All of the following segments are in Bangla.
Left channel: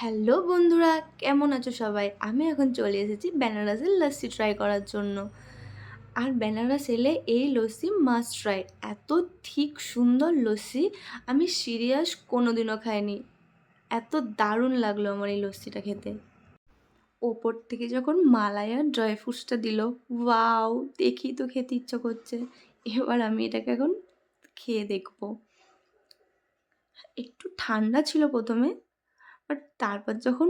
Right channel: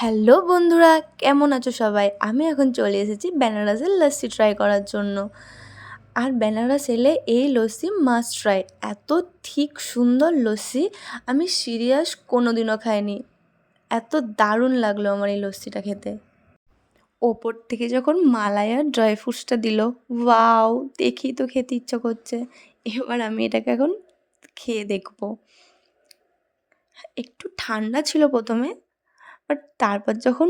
হ্যালো বন্ধুরা, কেমন আছো সবাই? আমি এখন চলে এসেছি বেনারসের লস্যি ট্রাই করার জন্য। আর বেনারস এলে এই লস্যি মাস্ট ট্রাই। এত ঠিক সুন্দর লস্যি আমি সিরিয়াস কোনো দিনও খাইনি। এত দারুণ লাগলো আমার এই লস্যিটা খেতে। ওপর থেকে যখন মালাই আর ড্রাই ফ্রুটসটা দিল, ওয়াও! দেখেই তো খেতে ইচ্ছা করছে। এবার আমি এটাকে এখন খেয়ে দেখব। একটু ঠান্ডা ছিল প্রথমে, বাট তারপর যখন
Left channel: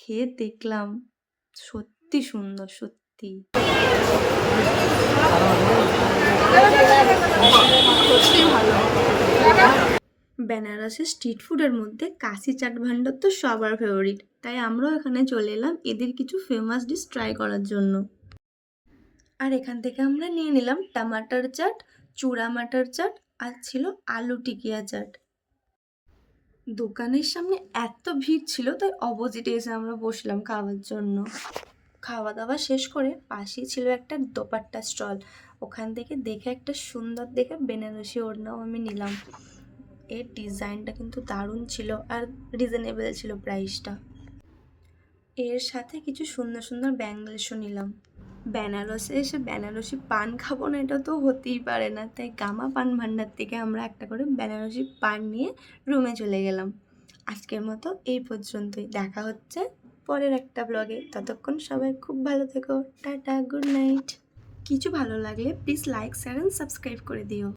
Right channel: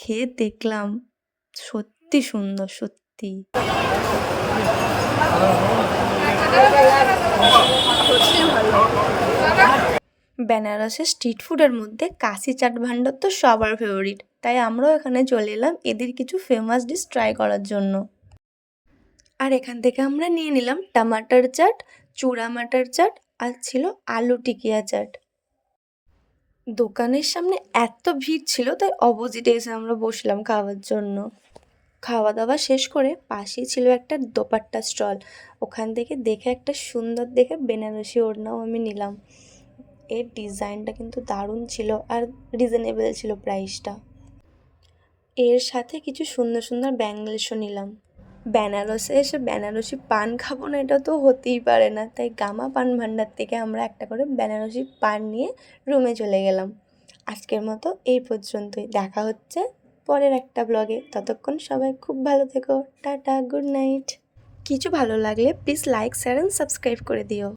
খেয়ে দেখলাম, সত্যি সুন্দর, সত্যি। বেনারসের স্ট্রিট ফুডের মধ্যে কাশি চাট ভান্ডার তো সবার ফেভারিট, তাই আমরাও এখানে চলে এলাম এদের কিছু ফেমাস ডিশ ট্রাই করার জন্য। আর এখান থেকে আমরা নিয়ে নিলাম টমাটার চাট, চূড়া মাটার চাট, আর ছিল আলু টিকিয়া চাট। দোকানের সামনে এত ভিড় ছিল, তাই অপোজিটে এসে আমরা বসলাম খাওয়ার জন্য। খাওয়া দাওয়া শেষ করে পাশেই ছিল একটা দোপাট্টা স্টল। ওখান থেকে দেখে একটা সুন্দর দেখে বেনারসি ওড়নাও আমি নিলাম। এর ডিজাইনটা কিন্তু দারুণ ছিল আর রিজনেবল ছিল প্রাইসটা। এর সাথে কিছু সুন্দর সুন্দর ব্যাঙ্গলসও নিলাম। বেনারসে এসে বেনারসি পান খাবো না, এটা তো হতেই পারে না, তাই গামা পান ভান্ডার থেকে আমরা একটা করে বেনারসি পান নিয়ে রুমে চলে গেলাম। আজকের মতো এই পর্যন্তই, দেখা হচ্ছে পরের একটা ব্লগে। ততক্ষণ সবাই খুব ভালো থেকো। Tata, good night. কিছু ভালো লাগলে please like, share and subscribe করে দিও।